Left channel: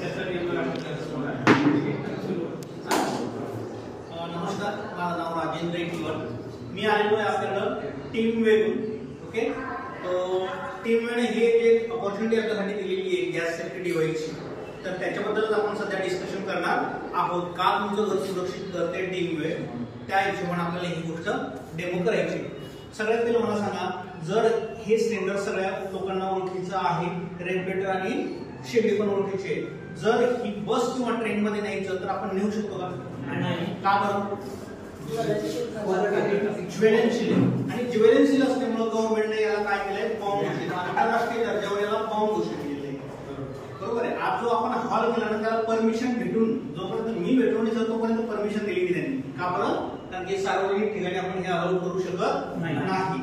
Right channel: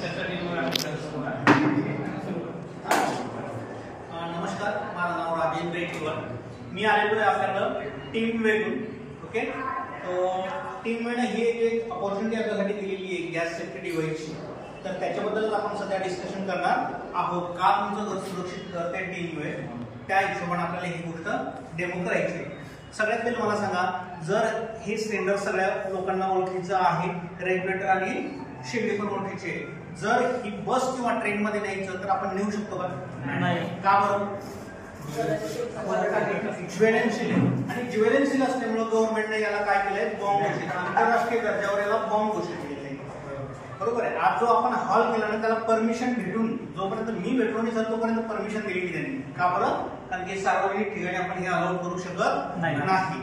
नमस्कार, माझं नाव राजेंद्र इटवर. मी आलेलो आहे आपल्याकडं टीम वेगून. ओके, टीम वेने हे एक अपॉर्च्युनिटी आपल्यासाठी दिलेली आहे गॅस सेफ्टी डिव्हाइसची. तर त्याच्याबद्दलच आपण सध्या डिस्कशन करणार आहोत. का तुमचं घर सुरक्षित करते टीम वे, त्या हिशोबाने आपल्याला ही गोष्ट डेमो करायची. सगळ्यात पहिले मला सांगा, जर हे सिलेंडर सगळ्या लोकांना ओळखीचं आहे, रेग्युलेटर आणि शेगडी पण ओळखीचे, जर ही बस किंवा ट्रेन मध्ये न्यायचं तर आपण नेऊ शकतो का? नाही. का बरं? ज्वेलनशील. आणि ज्वेलनशील असल्यामुळे गव्हर्नमेंटने याला काय केलंय, बॉम्ब घोषित, आंतरराष्ट्रीय दर्जावर याला बॉम्ब घोषित केलेलं आहे. बरोबर आहे. आज जो आपण हॉल केला ना, त्याला परमिशन भेटून, जोपर्यंत मी भेटलो नाही तोपर्यंत परमिशन दिली त्यांनी. का बरं? कारण की सार्वजनिक ठिकाणी आपण हे अलाउ करू शकत नाही.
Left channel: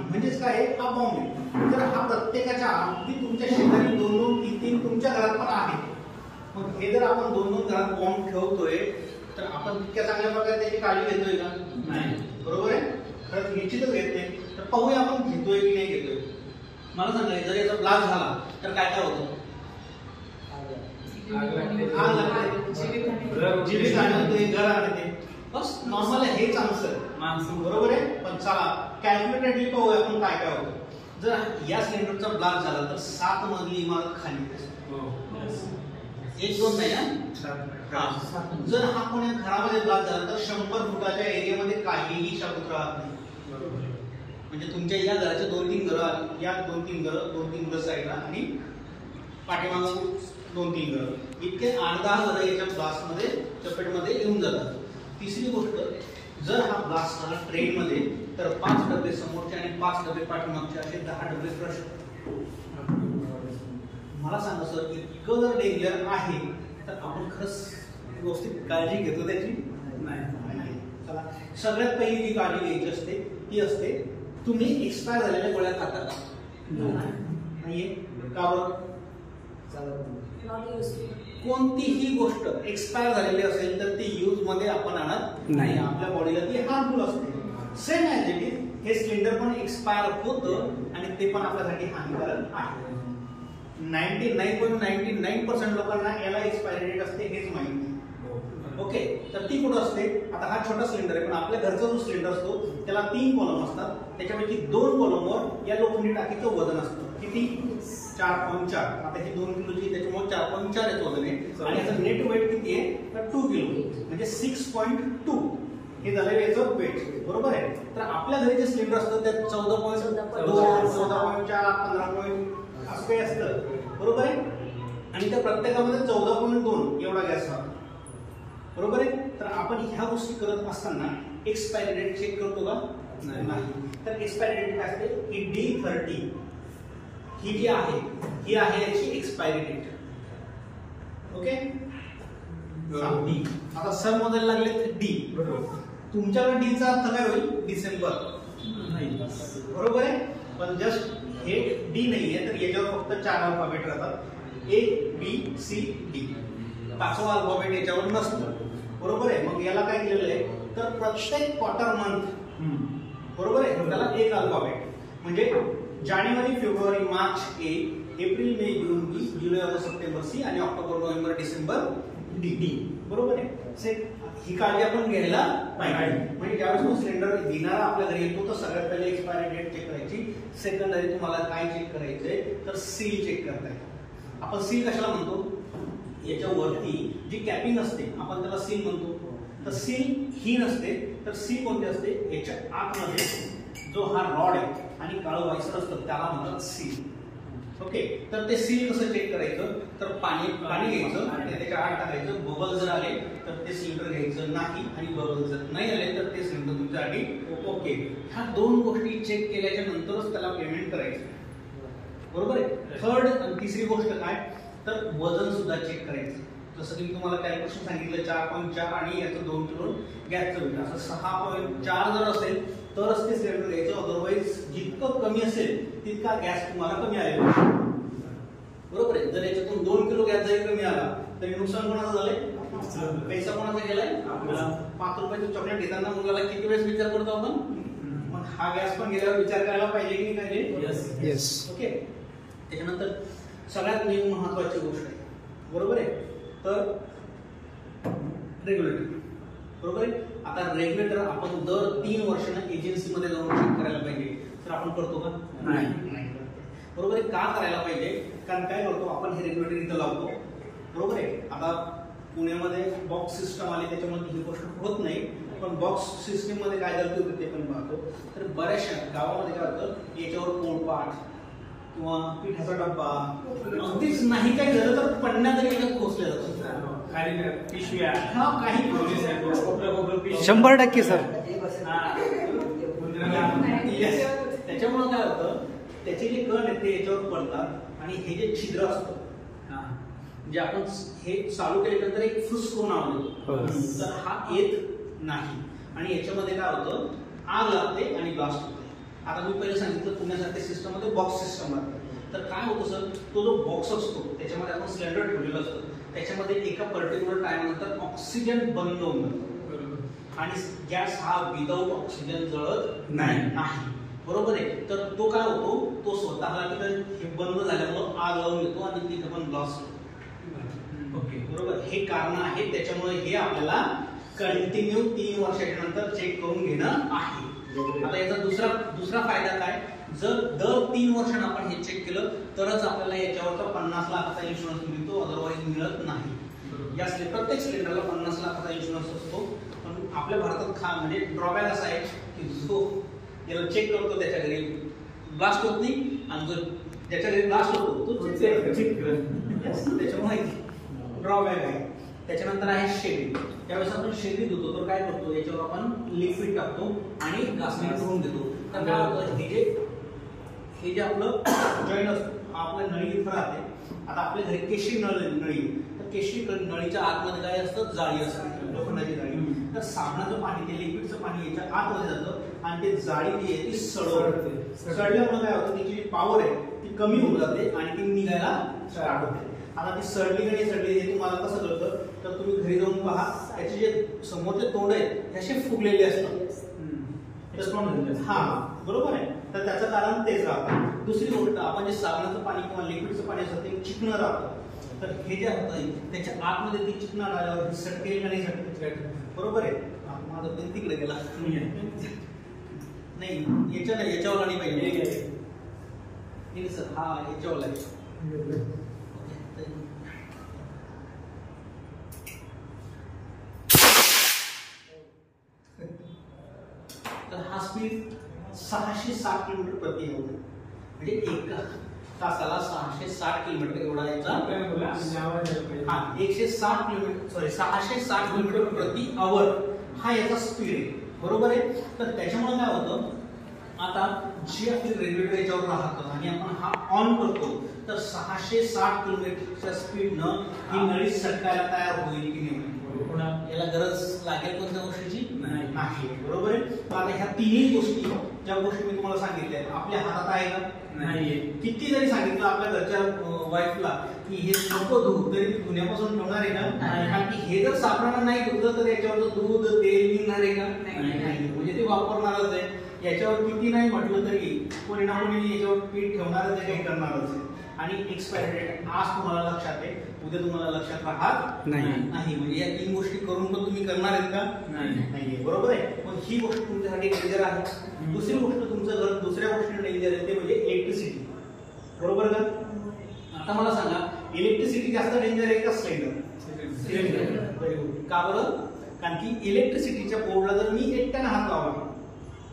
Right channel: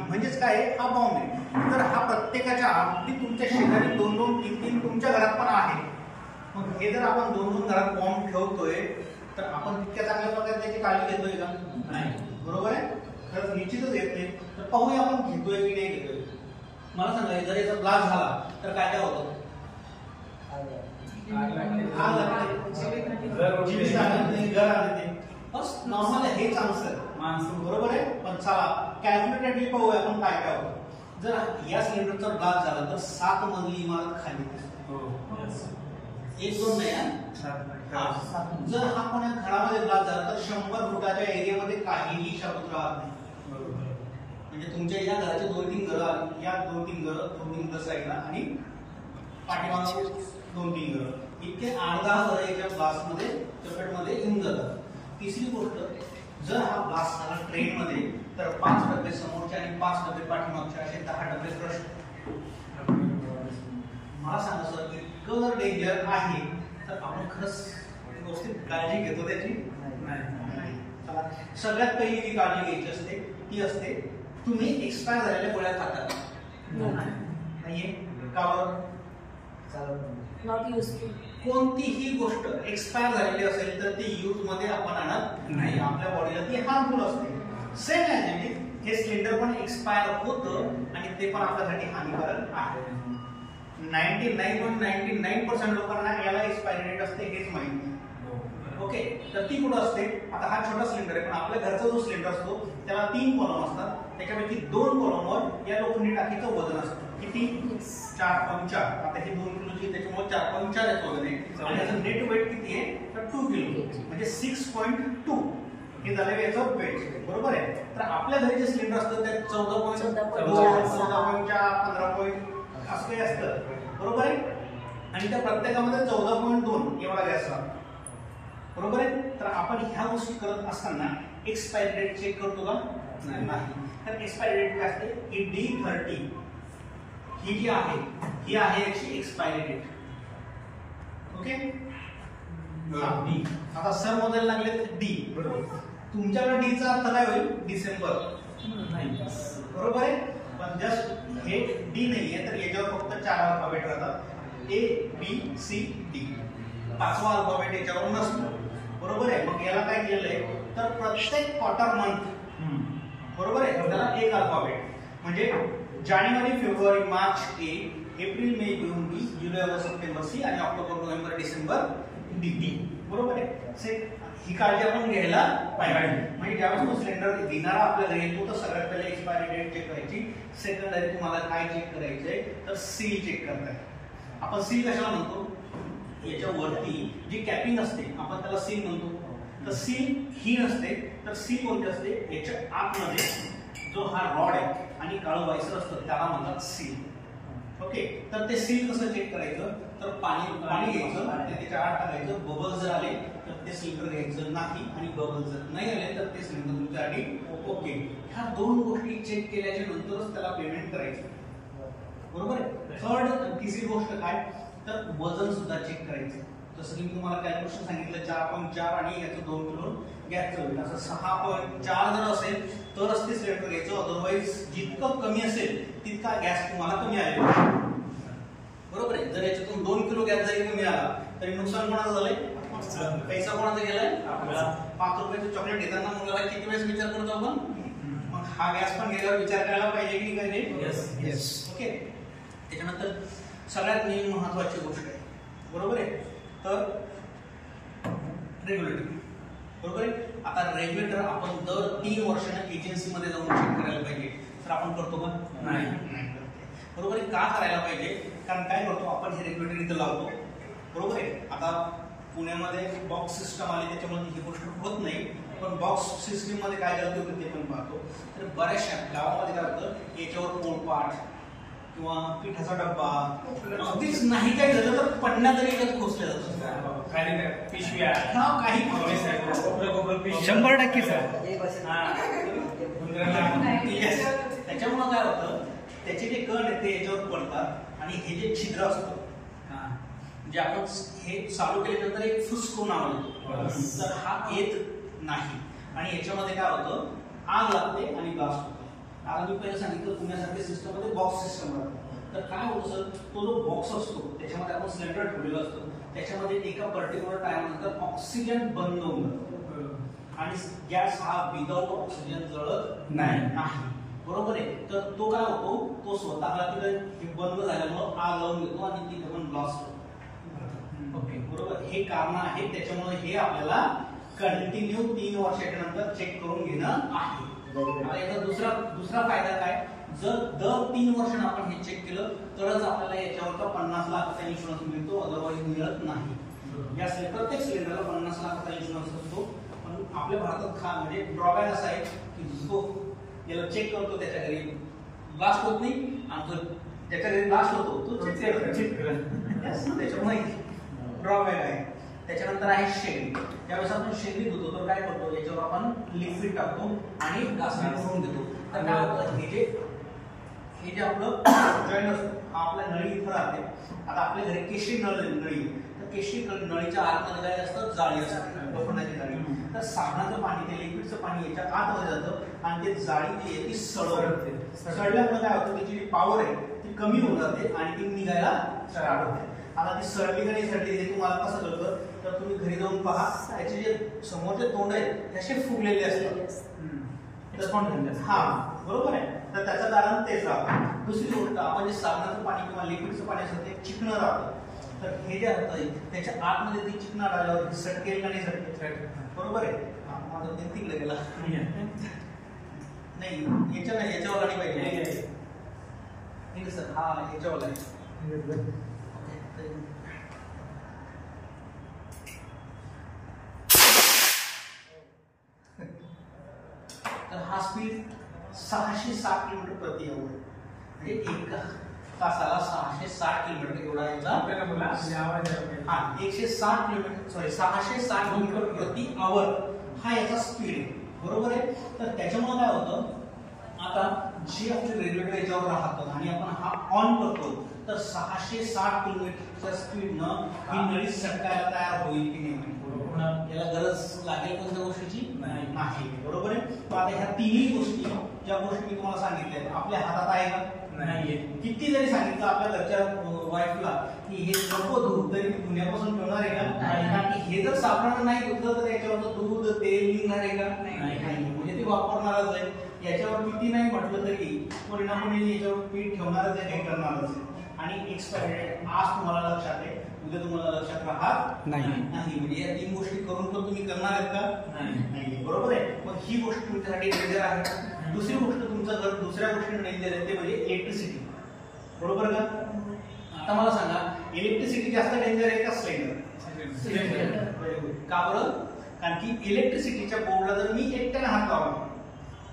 म्हणजेच काय, हा बॉम्ब आहे. तर हा प्रत्येकाच्या, अगदी तुमच्या शेजारी 2-2, 3-3 तुमच्या घरात पण आहे. हे जर आपण 2-2 घरात बॉम्ब ठेवतोय तर आपण तितक्या चांगल्या प्रकारे त्याची काळजी घेतोय का? नाही. बरोबर आहे. तर निश्चितच घेत नाही. तर पाहूया आपण घेतोय की नाही घेतोय. मला सांगा, जर याचा ब्लास्ट झाला तर काय काय होतं? घर आणते. बस नॉर्मल आहे, हेच आन्सर माणसं. बरोबर आहे. पण चला कॅल्क्युलेटेडली पाहूया आपण काय काय होतं. जर या सिलेंडरचा ब्लास्ट झाला तर 7 मजली इमारत खाली. 1-2 नाही. जर हा कोण्या घरामध्ये ब्लास्ट झाला तर 100 फुटाच्या एरियामध्ये काहीही शाबूत राहत नाही. म्हणजे तुमच्या या घराचे 2-3 घरं, या 2-3 घरं साईडला आणि पाठीमागं 2-3 घरं, इतके 8-10 घरं याच्या ब्लास्टमध्ये चपेटमध्ये येऊन जातात. तिसरी गोष्ट, जर हा ब्लास्ट झाला ट्रेन मध्ये तर 5 डबे समोरचे आणि 5 डबे पाठीमागचे, असे 10 डबे प्रश्न. मला सांगा सर, इतकं जर डेंजर आहे तर आपण खरंच व्यवस्थित काळजी घेतो त्याची? नाही. चला, सगळ्यात पहिली जी काळजी घ्यायची असते ती असते, तुम्ही एक्सपायर झालेल्या गोळ्या खाता का? नाहीये. का बरं? कोणतीही गोष्ट एक्सपायर झालेली असेल तर ती यूज मध्ये आपण आणत नाही. आपल्या बॉडीला ती हार्मफुल असते. सेम ॲज इट इज हे सिलेंडर पण एक्सपायर होतं आणि ते पण आपल्यासाठी हानिकारक आहे. 99.99% लोकांना याला एक्सपायरी डेट असते हेच माहिती. ओके, तर ती कुठं असते? आता हा छोटा सिलेंडर आहे, पण आपल्या घरचा जो सिलेंडर असतो त्याला 3 कॉलम असतात. त्याच्यापैकी 2 कॉलमवर या लोखंडी टाकीचं वजन असतं. किती? 4.4. आता हे 2 किलोची, त्याच्यामुळे 4.4 याचं वजन आहे. आणि याचं नेट वेट किती आहे? तर 2 किलो, म्हणजे 6.2 हे झालं याचं वेट. बरोबर आहे. तर आपल्या घरी जे सिलेंडर असतं ते 14.2, 14.4, 15 असं काही असतं. बरोबर आहे. आणि त्या प्रत्येकामध्ये 14.2 एवढा गॅस आहे. बरोबर आहे. तर आपण ह्या गोष्टी करत असताना एक्सपायरी डेट चेक करतो का? नाही. तर एक्सपायरी डेट काय असते? ही D30 ही जी आहे, ही आहे याची एक्सपायरी डेट. ओके. आता सर मोजायला लागले D. तुमच्याकडे D चा अर्थ काय होईल? डिसेंबर. बरोबर आहे. पण जस्ट हे D नाहीये, तर याच्यावर फक्त 4 अल्फाबेट राहतात. A B C D. 5वा अल्फाबेट याच्यावर नसतो. बरोबर आहे. मग याला काय केलेलं आहे, तर प्रत्येक क्वार्टर मंथ, बरोबर आहे, त्याला 1 अल्फाबेट. म्हणजे जानेवारी, फेब्रुवारी, मार्च A, एप्रिल, मे, जून B, जुलै, ऑगस्ट, सप्टेंबर C आणि ऑक्टोबर, नोव्हेंबर, डिसेंबर D. बरोबर आहे. ही काळजी आपण घ्यायला पाहिजे. म्हणजे ज्यावेळेस तो सिलेंडर देणारा आपल्या घरी येतो तर सगळ्यात पहिले एक्सपायरी डेट चेक करायची. सेकंडरी तुम्हाला काय चेक करायचंय, तर सील चेक करताय. आपण सील कशाला म्हणतो? याच्यावरती जी कॅपिंग असते आपण त्याला सील म्हणतो. तर सील ही नसते, तर सील कोणती असते? याच्या आतमध्ये जो हा रॉड आहे आणि काळं व्हायचं असतं त्याला म्हणतात सील. ओके. तर ते सील कसं चेक करायचं, तर पाणी घ्यायचं आणि त्याच्या आत टाकायचं. बबल जर आले तर ते सिलेंडर घ्यायचं नाही, आणि बबल जर नाही आले तर ते सिलेंडर तुमच्यासाठी ओके. ह्या 2 गोष्टी चेक केल्याच्या नंतरच त्याला पेमेंट करायचं. बरोबर आहे. थर्ड, तिसरी गोष्ट काय, तर वजन सुद्धा चेक करायचं. जसं की मी तुम्हाला कॅल्क्युलेशन सांगितलं 4.4 आणि याचं 2 किलो गॅसचं वेट. असं 6.4 जर असेल तरच ते सिलेंडर घ्यायचं. अदरवाईज जितकं कमी असेल तितका गॅस तुम्हाला कमी आले. बरोबर आहे. जर याच्यातून 2 किलो गॅस जरी कमी आला तरी नुकसान कोणाचं झालंय? पैसा कोणाचा गेलाय? 5 रुपयाचं चॉकलेट घेताना मुलाला किती वेळेस विचार करतो आपण? मग हा गॅस पण गेल्यावर विचार करायला पाहिजे की काय? येस. ओके. त्याच्यानंतर सगळ्यात महत्वाची गोष्ट आहे. बरोबर आहे. तर रेग्युलेटर, बरोबर आहे. आता रेग्युलेटर आपण दर 3 वर्षांना एजन्सीमध्ये जाऊन चेक करायला पाहिजे, तर आपण करतो का? नाही बरोबर आहे. का करायला पाहिजे? कारण काय करतो आपण, हे रेग्युलेटर इथं लावतो, बरोबर आहे. आता पुण्यामध्ये बॉक्स सिस्टम आली त्याच्यामुळे ही गोष्ट होत नाही, पण बॉक्स सिस्टम मध्ये काय गलती होती ते पण पाहतो. तर बऱ्याचशा गावामध्ये काय होतं, याच्यावर पोळपाट किंवा पिठाचा डब्बा, अगदीच नाही काही झालं तर पन्ना तरी एकच खोचले जातात, पिशव्या, हा काही 100% सर. त्याच्यामुळे काय होतं, त्याचे जे कण आहेत ते याच्यावर पडतात आणि हे जे छिद्र असतं म्हणजे आपण हे चालू केल्यानंतर एक फुसकोन आवडतो, तर हा येत नाही आणि याच्यामध्ये काय होतं, आग लागते आणि ब्लास्ट होते. आता मी पहिले सांगितलं पुण्यासारख्या सिस्टम मध्ये बॉक्स सिस्टम राहते, तर काय होतं सर, तो जो बॉक्स असतो त्याच्यामध्ये आपण सिलेंडर ठेवलेलं असतं, त्याच्यामध्ये एका पर्टिक्युलर टाइम नंतर ऑक्सिजन बंद होऊन जातो आणि गॅस हा विदाऊट ऑक्सिजन जळत नाही, बरोबर आहे. तर तो काय होतो, तो स्वतःला तिथे बंद झाल्यामुळे आग लावून येतो आणि तिथे पण ब्लास्ट होतो. ओके, बरोबर. हे कारण आहे, त्याच्यामुळे हे आपल्याला कंटिन्यू 3 वर्षाच्या नंतर चेक करून घेणं आहे. आता याचा दुसरा फायदा काय, जर दर 3 वर्षांना आपण हे चेक केलं तरच आपल्याला याच्यावरचा 50 लाखाचा इन्शुरन्स मिळतो, अदरवाईज मिळत नाही. या प्रत्येक सिलेंडरला 50 लाखाचा इन्शुरन्स असतो, पण आपल्या भारतात म्हणजे ड्रॉबॅक असा आहे की जो याला चेक करतो त्याच्या घरी ब्लास्ट होत नाही, आणि जो ज्याच्या घरी ब्लास्ट होतो तो चेक करतो, त्याच्यामुळे ड्रॉबॅक आहे. त्याच्यानंतर आहे शेगडी. त्यावेळेस आपण शेगडी धुतो तर काय करतो, याच्यावर आपण लिक्विड टाकतो आणि घासणी करून घेतो. तर हे जे आपलं जॉईंट असतं, हा आपल्या नळी इथं राहते. आता आपल्या घरी केशरी नळी, तर केशरी नळीच्या आतमध्ये काय असतं, जाळी असते, लोखंडाची जाळी. तर साबणाचं पाणी, ते लिक्विडचं पाणी याच्या आतमध्ये जातं आणि ते जाळी जी आहे ती सडवते. सडल्यामुळे काय होतं, त्याची जी पॉवर आहे ती कमी होऊन जाते आणि ती निघायला स्टार्ट होते. आता ती सडली का नाही सडली हे तुम्हाला कसं कळतं, तर तुम्ही घरी जाऊन पहा, त्याचे जे समोरचे तोंड आहेत त्याचे फुगलेले असतात, हा बरोबर आहे. तर त्याचं कारण तेच राहतं. दुसरी गोष्ट, आपण जे साबणाचं पाणी किंवा लिक्विडचं पाणी असतं ते चिकणं राहतं, तर हे जे असतं त्याच्या आतमध्ये ती चिकणं आल्यावर सटकेल का नाही सटकेल, बरोबर आहे. माझा ते तिकडे गेला नाही, याच्यावर नाही पाहिजे सर, हा याच्यावर आहे. तर हा स्पीड 660 किलोमीटर प्रति आवर, म्हणजे 1 तासाला 660 किलोमीटर एवढा याचा, हा 160 किलोमीटर, सॉरी 660 किलोमीटर प्रति आवर हा याचा स्पीड आहे, बरोबर आहे. तर त्याच्यामुळे काय होतं, आता जी आपली रेग्युलेटर याच्यावर राहतं आणि आपण हा ऑन करतो, तर 660 किलोमीटरच्या स्पीडनं ही नळी सटकायला तयार होईल की नाही, याला गरज लागेल कोणत्या गोष्टीची नाही, बरोबर आहे. तर आता ह्या तिन्ही गोष्टी, ज्या गोष्टी मी तुम्हाला सांगितल्या, आपल्या हातात आहे का नाहीये. किती जरी सांगितलं आपल्या घरच्या वाईफला की हे नको धुवू, तरी धुण्यापासून ठेवणार आहे का, कारण की हे जर साबणानं नाही धुतलं तर त्याच्यावर दूध तेल निघणार आहे का नाही, म्हणजे ते वापरणारच आहे. याच्यावर किती नाही म्हटलं तरी कोणी ना कोणी याच्यावर पीठ ठेवणारच आहे, काही करणारच आहे. आणि एक्सपायरी डेट आज तुम्हाला लक्षात आहे, उद्या तुम्हाला लक्षात राहत नाही, म्हणजे या 3 गोष्टी करून पण तुम्ही करणार आहेत का नाही, बरोबर आहे. मग ही गोष्ट तुमच्यासाठी डेंजर आहे. दुसरी गोष्ट, तुमचं घर दुसऱ्या गोष्टीने डेंजर आहे, ते म्हणजे इलेक्ट्रिसिटी, बरोबर का. आता मला सांगा, इलेक्ट्रिसिटी जास्त डेंजर आहे का सिलेंडर? का बरं? कारण की इलेक्ट्रिसिटीच्या बोर्डला जर मी एकट्याने हात लावला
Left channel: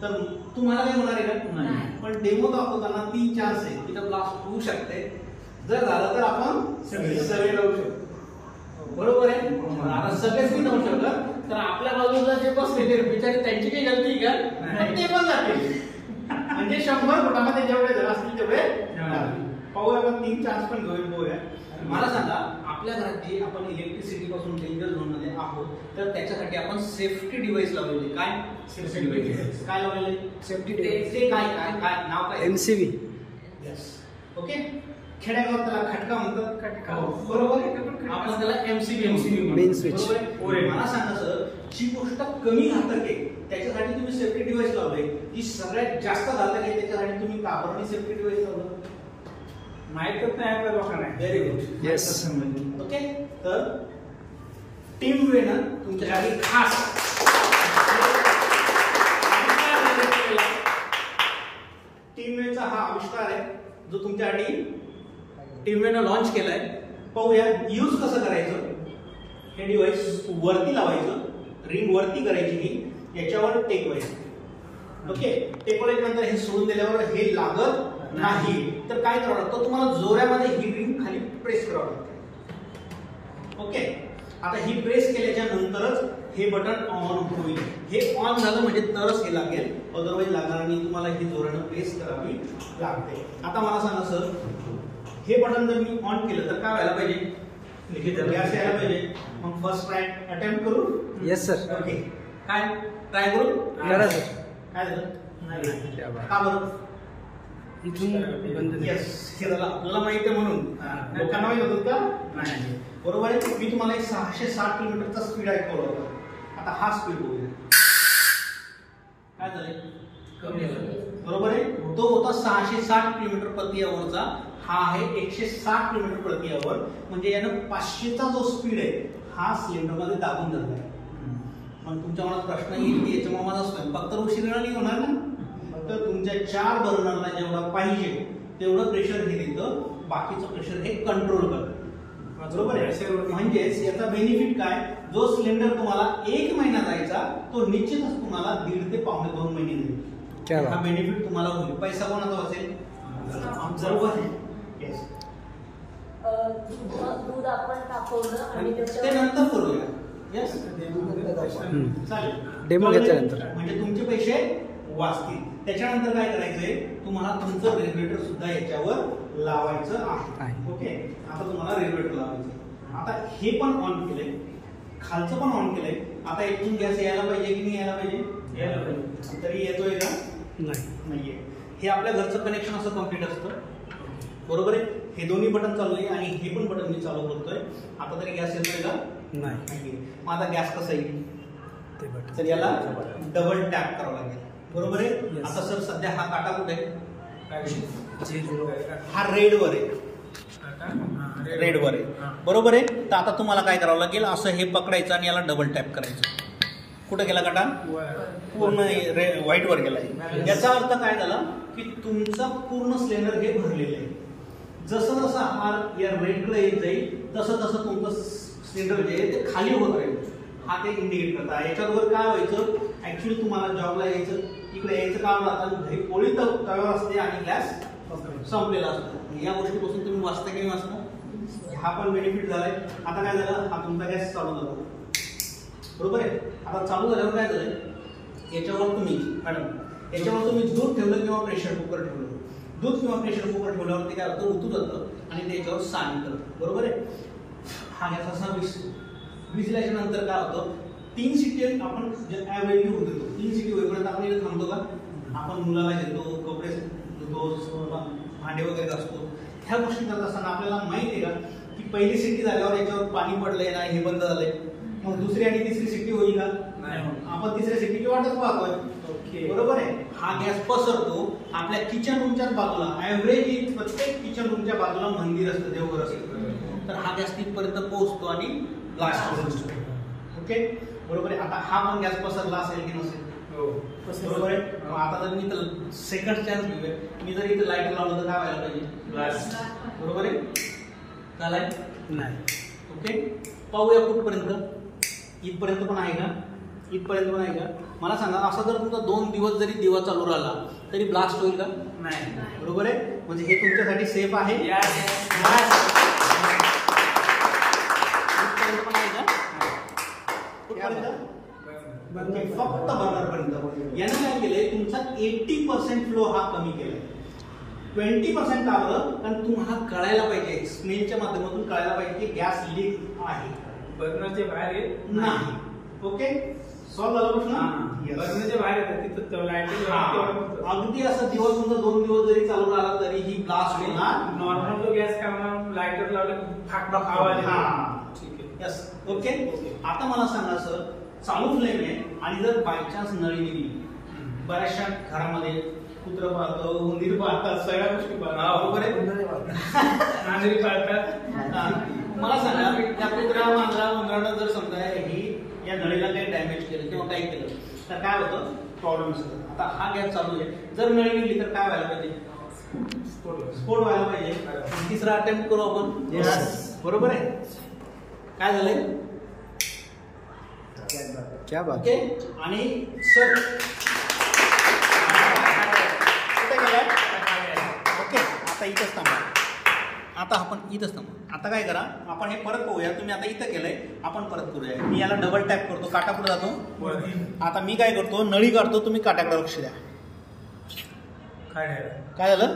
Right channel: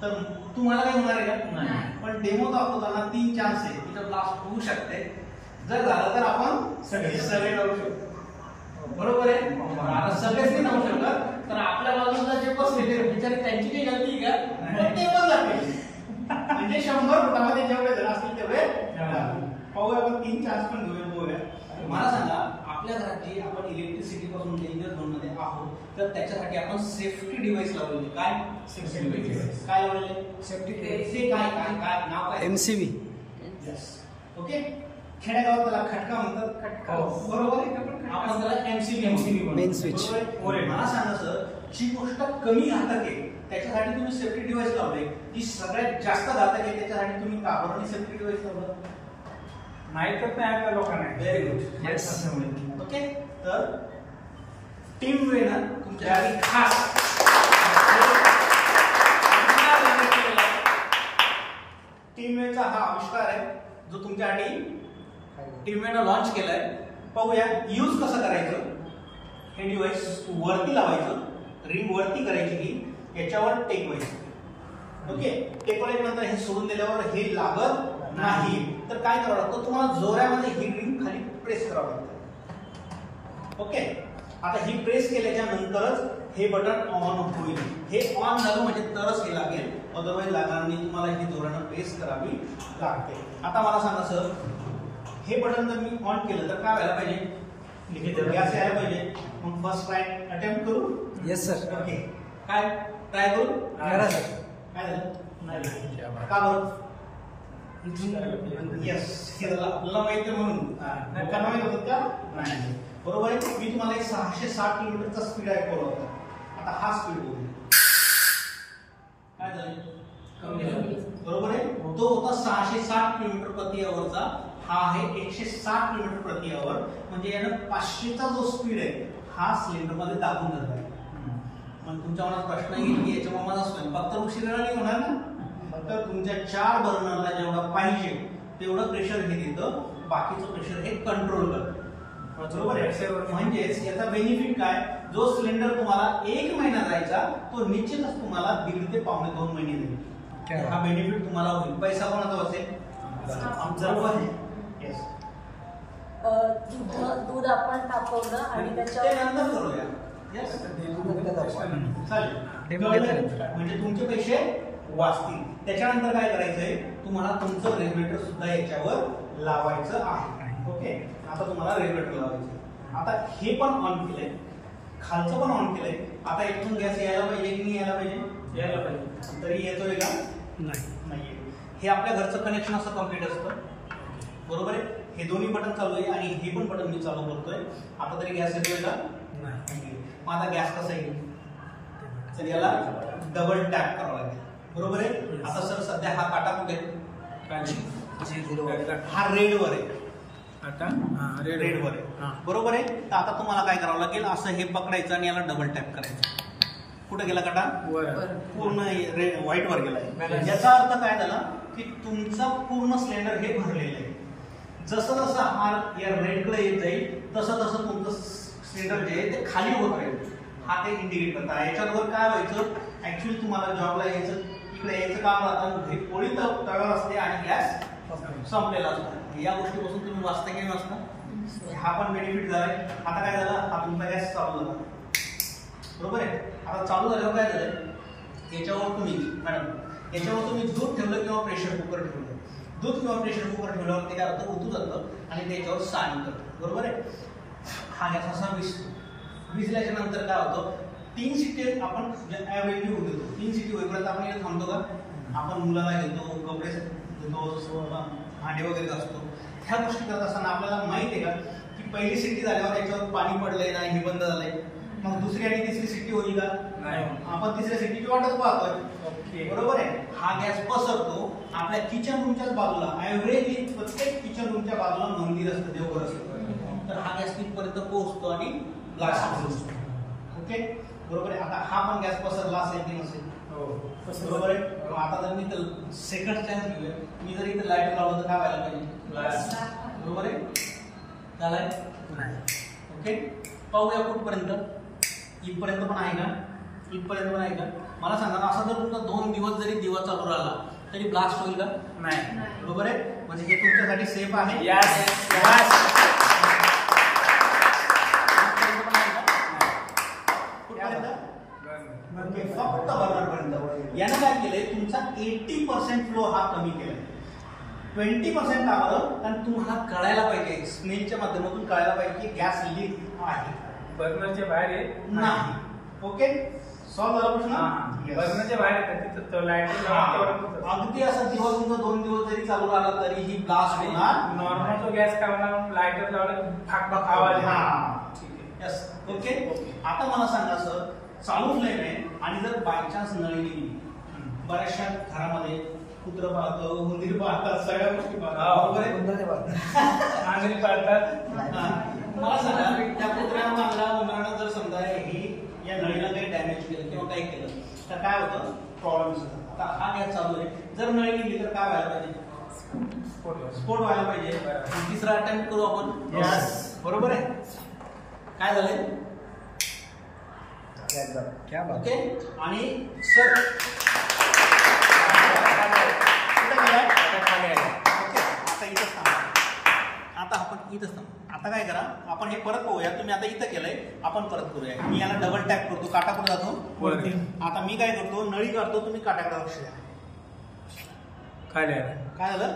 तर तुम्हाला काय होणार आहे का, पण डेमो दाखवताना 3 चान्स आहे, तिथं ब्लास्ट होऊ शकते. जर झालं तर आपण सगळे लावू शकतो, बरोबर आहे. आता सगळेच नाही लावू शकत, तर आपल्या बाजूला जे बसले ते बिचारी, त्यांची काही गलती का, ते पण जाते. म्हणजे 100 फुटामध्ये जेवढे जण असतील तेवढे पाहूया, आपण 3 चान्स पण घेऊया. मला सांगा, आपल्या घरात जी आपण इलेक्ट्रिसिटी पासून डेंजर झोन मध्ये आहोत, तर त्याच्यासाठी आपण सेफ्टी डिव्हाइस लावलेले. काय सेफ्टी डिव्हाइस काय लावलेले? सेफ्टी डिव्हाइस काय काय काय नाव काय? MCV. ओके, खेड्यागावात त्याला खटका म्हणतात, खटका, बरोबर आहे. आपण त्याला MCV मेन स्विच. मला सांगा सर, जी गोष्ट कमी घातक आहे त्याच्यासाठी तुम्ही सेफ्टी डिव्हाइस लावले, जी सगळ्यात जास्त घातक आहे त्याच्यासाठी तुम्ही कापडाने सेफ्टी डिव्हाइस लावलं नाही, तर नाही आपल्या लोकांना. Very good, yes. ओके, तर टीमवेनं तुमच्यासाठी खास टीमवेचा हा आविष्कार आहे जो तुमच्यासाठी टीमवेनं लॉन्च केलाय. पाहूया यूज कसं करायचं. हे डिव्हाइस वरती लावायचं, रिंग वरती करायची की याच्यावर टेकवायचं. ओके, टेकवल्याच्या नंतर हे सोडून दिल्यावर हे लागत नाही तर काय करावं लागतं, तुम्हाला जोरामध्ये ही रिंग खाली प्रेस करावं लागतं. ओके, आता ही प्रेस केल्याच्या नंतरच हे बटन ऑन होईल. हे ऑन झालं म्हणजे तरच हे लागेल, अदरवाईज लागणार नाही. तुम्हाला ही जोरानं प्रेस करावी लागते. आता मला सांगा सर, हे बटन जर मी ऑन केलं तर काय व्हायला पाहिजे, गॅस यायला पाहिजे. मग फर्स्ट ट्राय अटेम्प्ट करू. Yes sir. ओके, काय ट्राय करू. करा सर. काय झालं नाही का बरं. येस, हे झालं आपल्याला माहिती आहे म्हणून. लोकांना माहित होतं का नाही. बरोबर आहे. मी तुम्हाला एक 660 किलोमीटरचा स्पीड ऐकवला होता. आता हा स्पीड बघूया काय झालंय, बरोबर आहे. तो होता 660 किलोमीटर प्रति आवरचा, हा आहे 160 किलोमीटर प्रति आवर. म्हणजे यानं 500चा जो स्पीड आहे हा सिलेंडर मध्ये दाबून धरला आहे. मग तुमच्या मनात प्रश्न येईल की याच्या माझा स्वयंपाक तर उशिरा नाही होणार ना. तर तुमच्या 4 बर्नरला जेवढा पाहिजे तेवढं प्रेशर हे देतं, बाकीचं प्रेशर हे कंट्रोल करतं. बरोबर आहे. म्हणजेच याचा बेनिफिट काय, जो सिलेंडर तुम्हाला 1 महिना जायचा तो निश्चितच तुम्हाला 1.5 ते पावणे 2 महिने जाईल. हा बेनिफिट तुम्हाला होईल. पैसा कोणाचा असेल, बरोबर आहे. येस, दूध आपण तापवलं आणि ते नंतर करूया. येस, चालेल. डेमो घेतल्यानंतर म्हणजे तुमचे पैसे वाचतील. त्याच्यानंतर काय करायचंय, तुम्हाला तुमचं रेग्युलेटर सुद्धा याच्यावर लावायचं आहे. ओके, आता तुम्हाला रेग्युलेटर लावायचं. आता हे पण ऑन केलंय, खालचं पण ऑन केलंय. आता इथून गॅस यायला पाहिजे की नाही यायला पाहिजे, यायला पाहिजे. तरी येतोय का नाहीये. हे आपल्या घरचं कनेक्शन असं कम्प्लीट असतं. बरोबर आहे. हे दोन्ही बटन चालू आहे आणि हे पण बटन मी चालू करतोय. आता तरी गॅस येतोय का नाही. मग आता गॅस कसं येईल, तर याला डबल टॅप करावं लागेल. बरोबर आहे. आता सर सध्या हा काटा कुठे, हा रेडवर आहे, रेडवर आहे. बरोबर आहे. तर आता तुम्हाला काय करावं लागेल, असं हे पकडायचं आणि याला डबल टॅप करायचं. कुठे गेला काटा, पूर्ण व्हाईट वर गेलाय. याचा अर्थ काय झाला की तुमचा पूर्ण सिलेंडर हे भरलेलं आहे. जसं जसं हा या रेडकडे येत जाईल तसं तसं तुमचं सिलेंडर जे आहे ते खाली होत राहील. हा ते इंडिकेट करता. याच्याबरोबर काय व्हायचं, ऍक्च्युली तुम्हाला जॉबला यायचं, इकडे यायचं काम राहतं, घरी पोळी तव्यावर असते आणि गॅस संपलेला असतो. या गोष्टीपासून तुम्ही वाचता की नाही वाचता. हा पण बेनिफिट झालाय. आता काय झालं, हा तुमचा गॅस चालू झाला. बरोबर आहे. आता चालू झाल्यावर काय झालंय, याच्यावर तुम्ही मॅडम याच्यावर तुम्ही दूध ठेवलं किंवा प्रेशर कुकर ठेवलं, दूध किंवा प्रेशर कुकर ठेवल्यावर ते काय होतं, उतू जातं आणि त्याच्यावर साइन करतं. बरोबर आहे. हा गॅस असा विजल्याच्या नंतर काय होतं, 3 शिटी आपण ऍव्हरेजली होऊ देतो. 3 शिटी होईपर्यंत आपण इथे थांबतो का, आपण मुलाला घेतो, कपडे धुतो, भांडे वगैरे घासतो. ह्या गोष्टी करत असताना आपल्याला माहिती आहे का की पहिली शिटी झाल्यावर याच्यावर पाणी पडलंय नाही, हे बंद झालंय. मग दुसरी आणि तिसरी शिटी होईल का, आपण तिसऱ्या शिटीची वाटच पाहतोय. बरोबर आहे. हा गॅस पसरतो आपल्या किचन रूमच्याच बाजूला. ऍव्हरेजली प्रत्येक किचन रूमच्या बाजूला मंदिर असतं, देवघर असतं. तर हा गॅस तिथपर्यंत पोहोचतो आणि ब्लास्ट होतो. ओके, बरोबर आहे. आता हा पण गॅस पसरला असेल की नसेल, बरोबर आहे. आता जर मी सेकंड चान्स घेऊया, मी जर इथे लाईट लावलं तर काय व्हायला पाहिजे, ब्लास्ट. बरोबर आहे. झालाय नाही. ओके, पाहूया कुठपर्यंत. इथपर्यंत पण आहे का, इथपर्यंत पण आहे का. मला सांगा, असा जर तुमचा 2 दिवस जरी दिवा चालू राहिला तरी ब्लास्ट होईल का नाही. बरोबर आहे. म्हणजे हे तुमच्यासाठी सेफ आहे. फक्त बर्नरपर्यंत. यानं काय केलंय, तुमचा 80% फ्लो हा कमी केलाय. 20% का बरं, कारण तुम्हाला कळायला पाहिजे, स्मेलच्या माध्यमातून कळायला पाहिजे की गॅस लीक आहे, बर्नरच्या बाहेर नाही. ओके, सॉल्व झाला प्रश्न. बर्नरच्या बाहेर अगदी असं दिवस तुमचा 2 दिवस जरी चालू राहिला तरी ही ब्लास्ट होणार. नॉर्मल जो गॅस काय होणार, लायटर लावला फाक आवाज. यस. ओके. आता मला सांगा सर, चालू फ्लेम आहे आणि जर बायचान्स नळी गेली, बऱ्याचशा घरामध्ये कुत्र पाळतं, उंदीर पाळतात, सगळ्या गोष्टी पाळतात. बरोबर आहे. पाळतात. मला सांगा, त्या कुत्र्या मांजरा उंदरानं जर समजा डॅमेज केलं किंवा काही केलं तर काय होतं प्रॉब्लेम असतो. आता हा गॅस चालू आहे, जर नळी गेली तर काय व्हायला पाहिजे? स्फोट व्हायला पाहिजे. तिसरा अटेम्प्ट करू आपण. बरोबर आहे. काय झालंय? क्या बात. ओके. आणि सर ओके, आता इथंच थांबा. आता आपण इथंच थांबा. आता काय करा, आपण हे परत पाहूया. तुम्ही आता इथं केलंय, आपण परत करूया. मी याला डबल टॅप करतो, काटा पुढे जातो. आता मी काय करतो, नळी काढतो, तुम्ही काट्याकडे लक्ष द्या. काय झालं?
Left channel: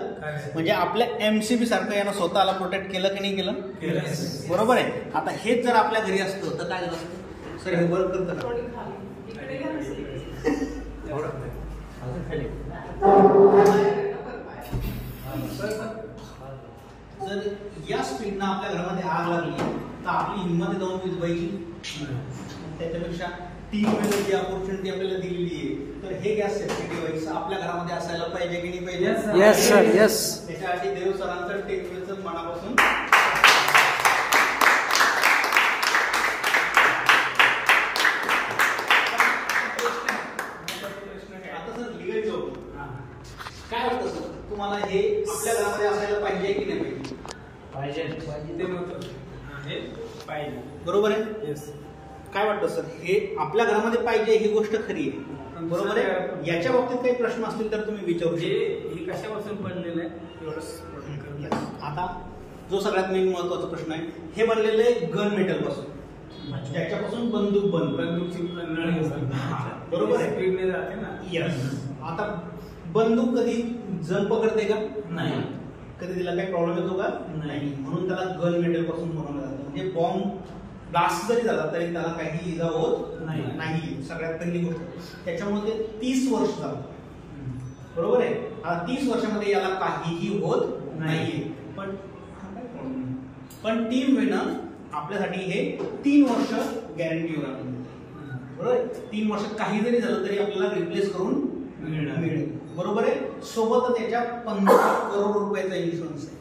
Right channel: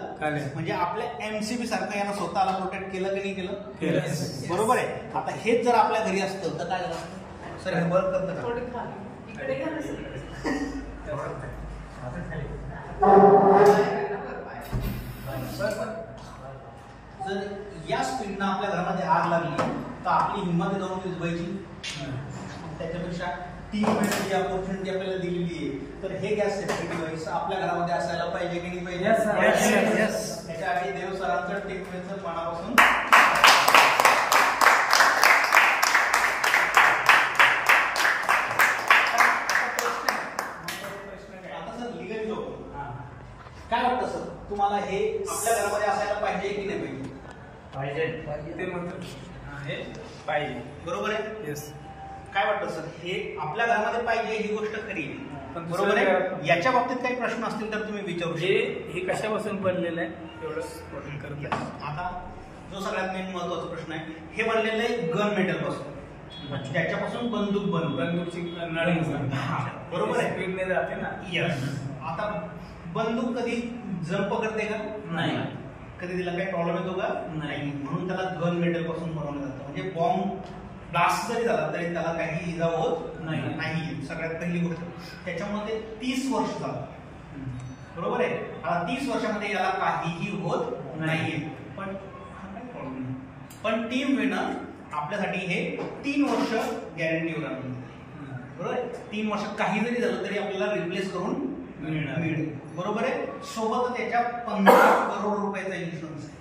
म्हणजे आपल्या एमसीबी सारखं यानं स्वतःला प्रोटेक्ट केलं की नाही केलं? बरोबर आहे. आता हेच जर आपल्या घरी असतं तर काय झालं असतं? सर हे वर्क करतं का? जर या स्पीडनं आपल्या घरामध्ये आग लागली तर आपली हिंमत जाऊन विझवायची. त्याच्यापेक्षा 3 वेळेस जी अपॉर्च्युनिटी आपल्याला दिलेली आहे तर हे गॅस सेफ्टी डिव्हाइस आपल्या घरामध्ये असायला पाहिजे की नाही पाहिजे? Yes sir, yes. त्याच्याआधी देव सरांचं 10 वेळेचं मनापासून काय वाटतं सर तुम्हाला, हे आपल्या घरामध्ये असायला पाहिजे की नाही पाहिजे? ते म्हणतो हे पाहिजे. बरोबर आहे. येस. काय वाटतं सर, हे आपल्या घरामध्ये पाहिजे ही गोष्ट खरी आहे, बरोबर आहे. याच्या बाबतीत काही प्रश्न असतील तर तुम्ही विचारू शकता. हे कशापासून बनलेलं आहे एवढं. आता जो सगळ्यात मेन महत्वाचा प्रश्न आहे, हे बनलेलं आहे गन मेटल पासून, ज्याच्यापासून बंदूक बंदूकची नळी बरोबर आहे. स्पीडने जाते ना. यस. आता बंदूक कधी जम पकडते का? नाही. कधी तिला काही प्रॉब्लेम येतो का? नाही. म्हणून त्याला गन मेटल पासून बनवलं जातं. म्हणजे बॉम्ब ब्लास्ट जरी झाला तरी त्याला काही इजा होत नाही. सगळ्यात पहिली गोष्ट. त्याच्यामुळे ते 30 वर्ष झालं. बरोबर आहे. आता 30 वर्षामध्ये याला काहीही होत नाहीये. पण हा काही प्रॉब्लेम नाही. पण टीम विनर आपल्यासाठी हे 3 वर्ष गॅरंटीवर आहे. बरोबर. 3 वर्ष काही जरी झालं तरी आपल्याला रिप्लेस करून मिळेल. बरोबर आहे. सोबत त्याच्या 15 करोड रुपयाचा इन्शुरन्स आहे.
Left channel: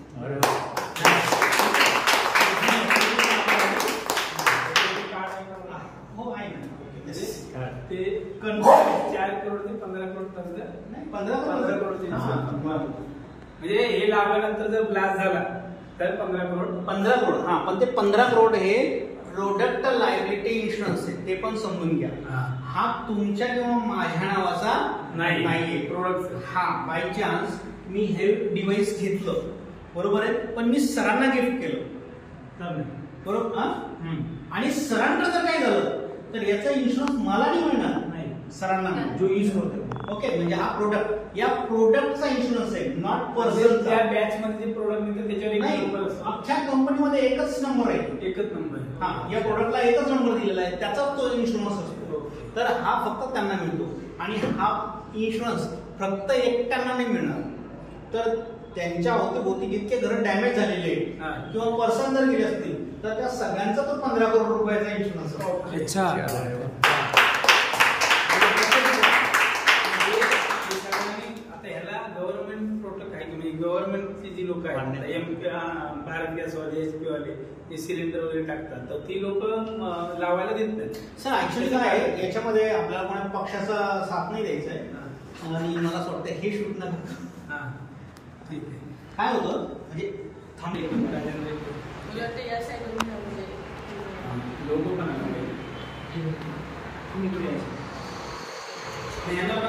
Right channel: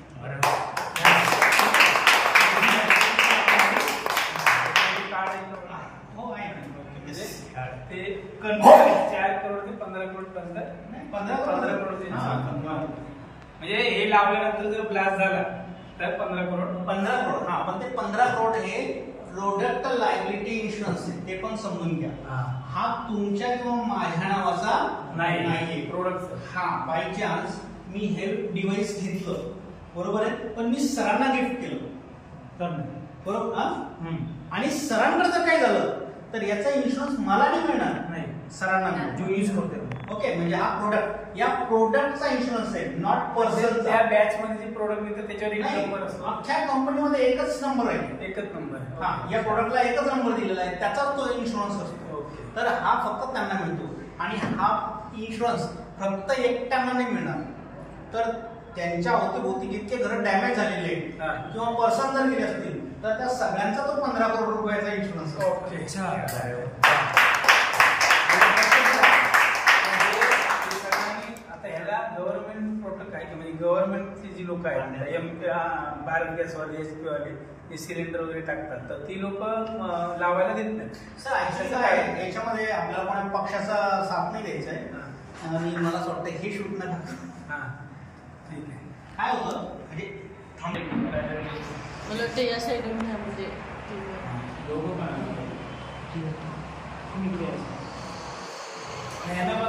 हो आहे ना. ते 4 करोड ते 15 करोड पर्यंत. 15 करोड. म्हणजे हे लावल्यानंतर जर ब्लास्ट झाला तर 15 करोड. 15 करोड. हा, पण ते 15 करोड हे प्रोडक्ट लायबिलिटी इन्शुरन्स आहे, ते पण समजून घ्या. हा तुमच्या किंवा माझ्या नावाचा नाहीये प्रोडक्ट. हा बाय चान्स मी हे डिव्हाइस घेतलं, बरोबर आहे, पण मी सरांना गिफ्ट केलं, बरोबर. आणि सरांकडे जर काय झालं तर याचा इन्शुरन्स मला नाही मिळणार, नाही सरांना जो यूज करतो. ओके. म्हणजे हा प्रोडक्ट, या प्रोडक्टचा इन्शुरन्स आहे, नॉट पर्सन. त्या बॅच मध्ये जे प्रोडक्ट मिळतं त्याच्यावर अख्ख्या कंपनीमध्ये एकच नंबर आहे. एकच नंबर. हा, या प्रोडक्टला एकच नंबर दिलेला आहे, त्याचाच तो इन्शुरन्स असतो. तर हा फक्त त्यांना मिळतो. आणि हा इन्शुरन्स फक्त एकट्यांना नाही मिळणार, तर त्यांच्या अवतीभोवती जितके घर डॅमेज झालेले किंवा पर्सन जर गेले असतील तर त्या सगळ्यांचा तो 15 करोड रुपयाचा इन्शुरन्स असतो. आता ह्याला गव्हर्नमेंट प्रोडक्ट आहे का, म्हणजे गव्हर्नमेंटची जी लोक आहेत, भारत गॅसवाले, एसपी वाले, जे सिलेंडर वगैरे टाकतात, तर ती लोक लावायला देत नाहीत. सर ऍक्च्युली काय आहे, याच्यामध्ये आपल्याला कोणा पक्षाचा साथ नाही द्यायचा आहे. आणि मला असं वाटतं हे शूट नका. ठीक आहे. काय होतं म्हणजे लोगो पण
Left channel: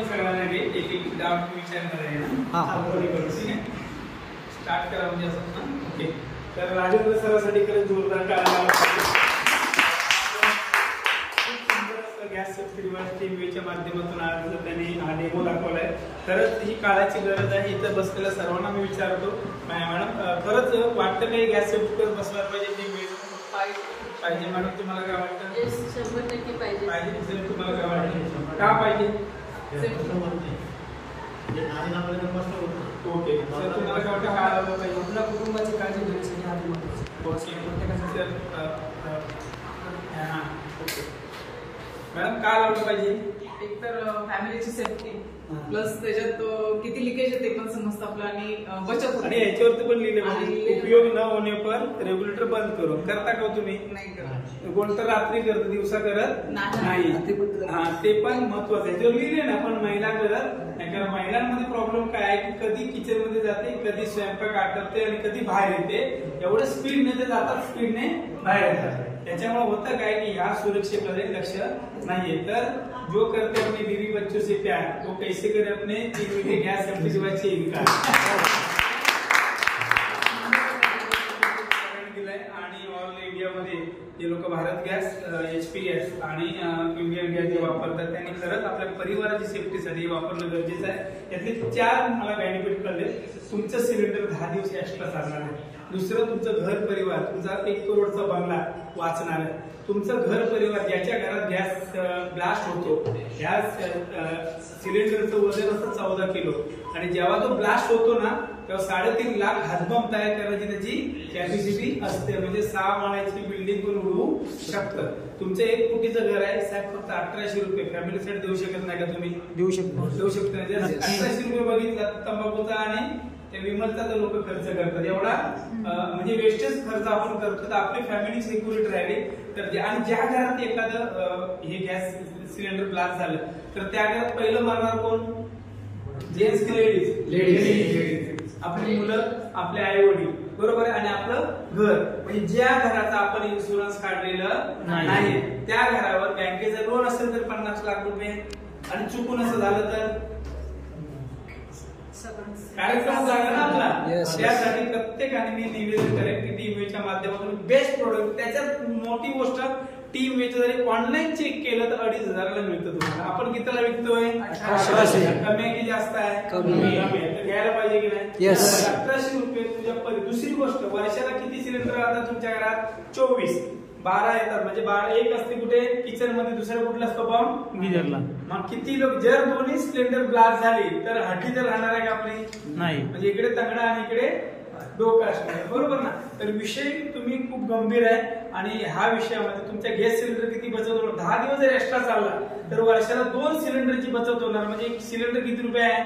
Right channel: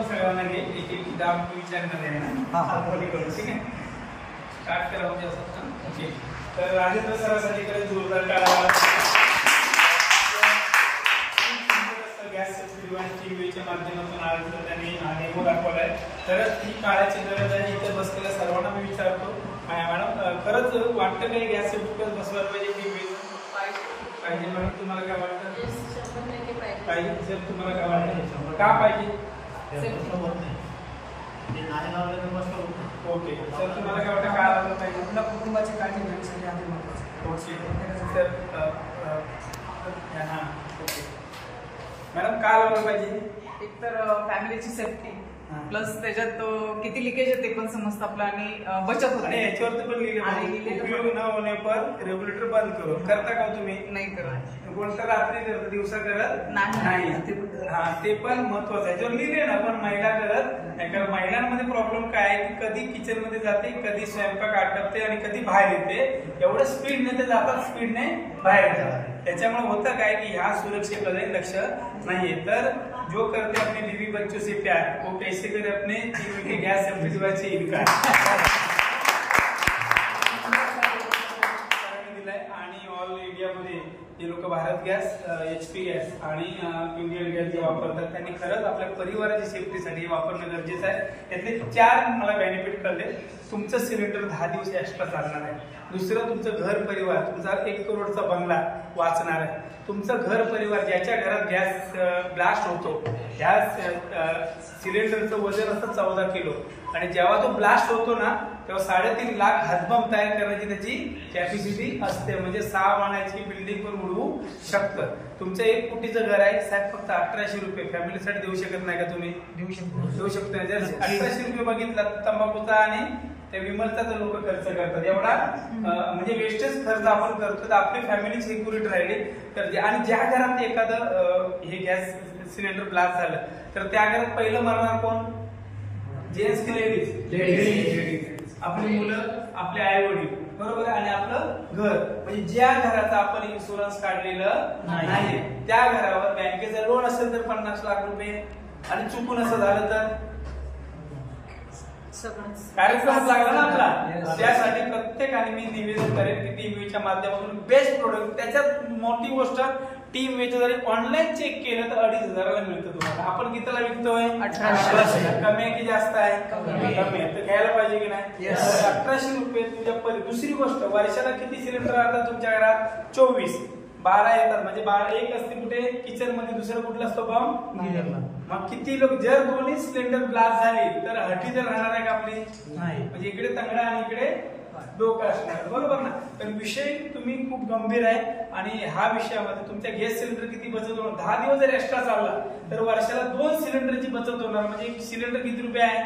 सगळ्यांना घे, एक डाऊट विचारणार आहे ना. ठीक आहे. स्टार्ट करा म्हणजे असं ना. ओके. तर राजेंद्र सरांसाठी खरंच जोरदार टाळ्या. गॅस सेफ्टी डिव्हाइस टीव्हीच्या माध्यमातून आज त्यांनी हा डेमो दाखवलाय. खरंच ही काळाची गरज आहे. इथं बसलेल्या सर्वांना मी विचारतो, मॅडम खरंच वाटतं काही गॅस सेफ्टी बसवायला पाहिजे पाहिजे मॅडम, तुम्हाला काय वाटतं? 100% पाहिजे. सर तुम्हाला काय वाटतं, का पाहिजे? ओके. सर तुम्हाला काय वाटतं, काय लागलं पाहिजे? आपल्या कुटुंबाची काळजी घेण्यासाठी आम्ही ओके. सर हां ओके. मॅडम काय लावलं पाहिजे? एक तर फॅमिलीची सेफ्टी, प्लस त्याच्यात किती लिकेज आहे ते पण समजतं आपलं आणि बचत होते. आणि याच्यावरती पण आणि लिहिलं लिहिलेलं उपयोग न होणे पण रेग्युलेटर बंद करून करता का हो तुम्ही? नाही करत. कोणतं रात्री करत दिवसा करत नाही. ते पण महत्वाचं आहे. जर लिहिले ना पण महिला करत नाही, कारण महिलांमध्ये प्रॉब्लेम काय आहे की कधी किचन मध्ये जाते, कधी स्वयंपाक आटपते आणि कधी बाहेर येते. एवढं स्पीडने ते जातात, स्पीडने बाहेर येतात. त्याच्यामुळे होतं काय की ह्या सुरक्षेकडे लक्ष नाहीये. तर जो करते अपने बीवी बच्चों से प्यार वो कैसे करे अपने गैस सेफ्टी डिवाइस से इनकार दिलाय. आणि ऑल इंडियामध्ये जे लोक भारत गॅस, HP गॅस आणि इंडियन गॅस जे वापरतात त्यांनी खरंच आपल्या परिवाराची सेफ्टीसाठी वापरणं गरजेचं आहे. त्यातले 4 मला बेनिफिट कळले. तुमचं सिलेंडर 10 दिवस एक्स्ट्रा चालणार आहे. दुसरं, तुमचं घर परिवार, तुमचा 1 करोडचा बंगला वाचणार आहे. तुमचं घर परिवार ज्याच्या घरात गॅस ब्लास्ट होतो, ह्या सिलेंडरचं वजन असतं 14 किलो आणि जेव्हा तो ब्लास्ट होतो ना तेव्हा 3.5 लाख हातबंब तयार करण्याची त्याची कॅपॅसिटी असते. म्हणजे 6 माळ्याची बिल्डिंग पण उडवू शकतं. तुमचं 1 कोटीचं घर आहे साहेब, फक्त 1800 रुपये फॅमिलीसाठी देऊ शकत नाही का तुम्ही? देऊ शकता. जर 1800 रुपये बघितला तंबाखूचा आणि त्या विमलचा तर लोक खर्च करतात. एवढा म्हणजे वेस्टेज खर्च आपण करतो तर आपली फॅमिली सिक्युरिटी राहिली तर. आणि ज्या घरात एखादं हे गॅस सिलेंडर ब्लास्ट झालं तर त्या घरात पहिलं मरणार कोण? जेंट्स की लेडीज? आपली मुलं, आपले आई वडील, बरोबर आहे. आणि आपलं घर, म्हणजे ज्या घराचा आपण इन्शुरन्स काढलेलं नाही त्या घरावर बँकेचा लोन असेल तर 50 लाख रुपये आणि चुकून असं झालं तर कार्यक्रम लागला ना आपला. त्यासाठी प्रत्येकाने मी निवेदन करेन की टीमवेच्या माध्यमातून बेस्ट प्रोडक्ट. त्याच्यात मोठी गोष्ट टीमवेचं जरी ऑनलाईन चेक केलं तर 2,500 मिळतं तुम्हाला. आपण कितीला विकतोय? 1800. कमी आहे की जास्त आहे? कमी आहे. तर घ्यायला पाहिजे की नाही? 1800 रुपये तुझ्या. दुसरी गोष्ट, वर्षाला किती सिलेंडर राहतात तुमच्या घरात? 24. 12 येतात. म्हणजे 12 एक असते कुठे? किचन मध्ये. दुसरं कुठला असतो पंप? गिजरला. मग किती लोक, जर दोन्ही सिलेंडर ब्लास्ट झाली तर हटी तर राहणार आहे का आपली? नाही. म्हणजे इकडे तंगडा आणि इकडे डोकं असणार, बरोबर ना? तर विषय तुम्ही खूप गंभीर आहे. आणि ह्या विषयामध्ये तुमच्या गॅस सिलेंडर किती बचत होणार? 10 दिवस जर एक्स्ट्रा चालला तर वर्षाला 2 सिलेंडरची बचत होणार. म्हणजे एक सिलेंडर किती रुपये आहे?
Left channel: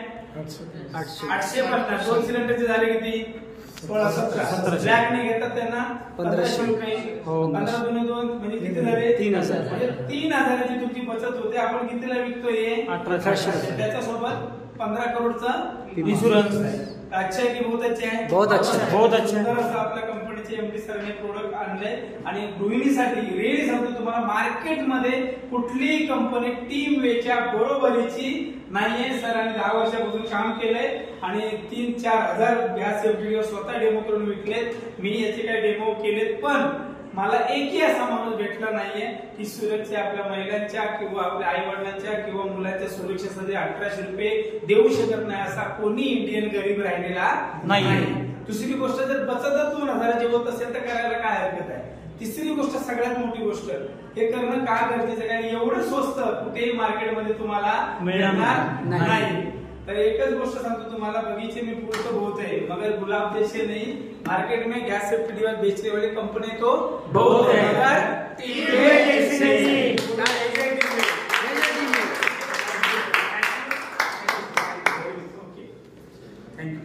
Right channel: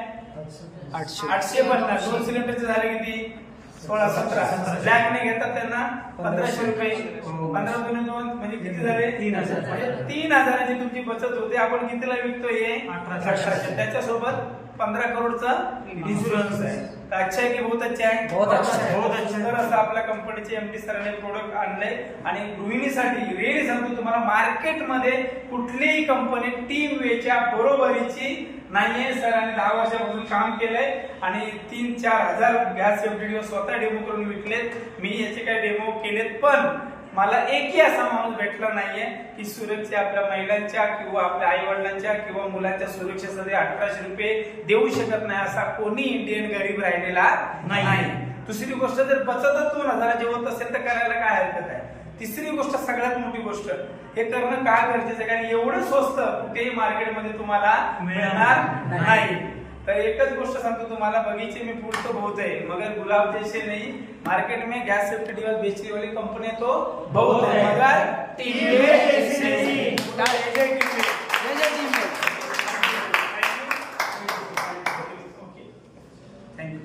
850. 2 सिलेंडरचे झाले किती? 16-17. ब्लॅक ने घेतात त्यांना 1500 रुपये. 15 दुने 2 म्हणजे किती झाले? 3000. म्हणजे 3000ची तुमची बचत होते. आपण कितीला विकतोय? 1800. त्याच्यासोबत 15 करोडचं इन्शुरन्स आहे. अच्छा आहे की बहुत अच्छा आहे? बहुत अच्छा. सुंदर असं आपल्या कंपनीचे MD सरांनी प्रोडक्ट आणलंय. आणि गृहिणीसाठी रिअली सांगतो तुम्हाला, मार्केटमध्ये कुठलीही कंपनी टीमवेच्या बरोबरीची नाहीये. सरांनी 10 वर्षापासून काम केलंय आणि 3-4 हजार गॅस सेफ्टी स्वतः डेमो करून विकलेत. मी याचे काही डेमो केलेत पण मला एकही असा माणूस भेटला नाहीये की सुरक्षा आपल्या महिलांच्या किंवा आपल्या आई वडिलांच्या किंवा मुलांच्या सुरक्षेसाठी 1800 रुपये देऊ शकत नाही असा कोणी इंडियन गरीब राहिलेला नाही. दुसरी गोष्ट, जर बचतच 2000 होत असेल तर करायला काय हरकत आहे? तिसरी गोष्ट, सगळ्यात मोठी गोष्ट, हे करणं का गरजेचं आहे? कारण एवढं स्वस्त कुठेही मार्केटमध्ये तुम्हाला मिळणार नाही. तर एकच गोष्ट सांगतो तुम्हाला, बगीचे में फूल तो बहुत है मगर गुलाब जैसे नहीं. मार्केट में गैस सेफ्टी डिवाइस बेचने वाली कंपनी तो बहुत है मगर टीमवे जैसी नहीं. Thank you.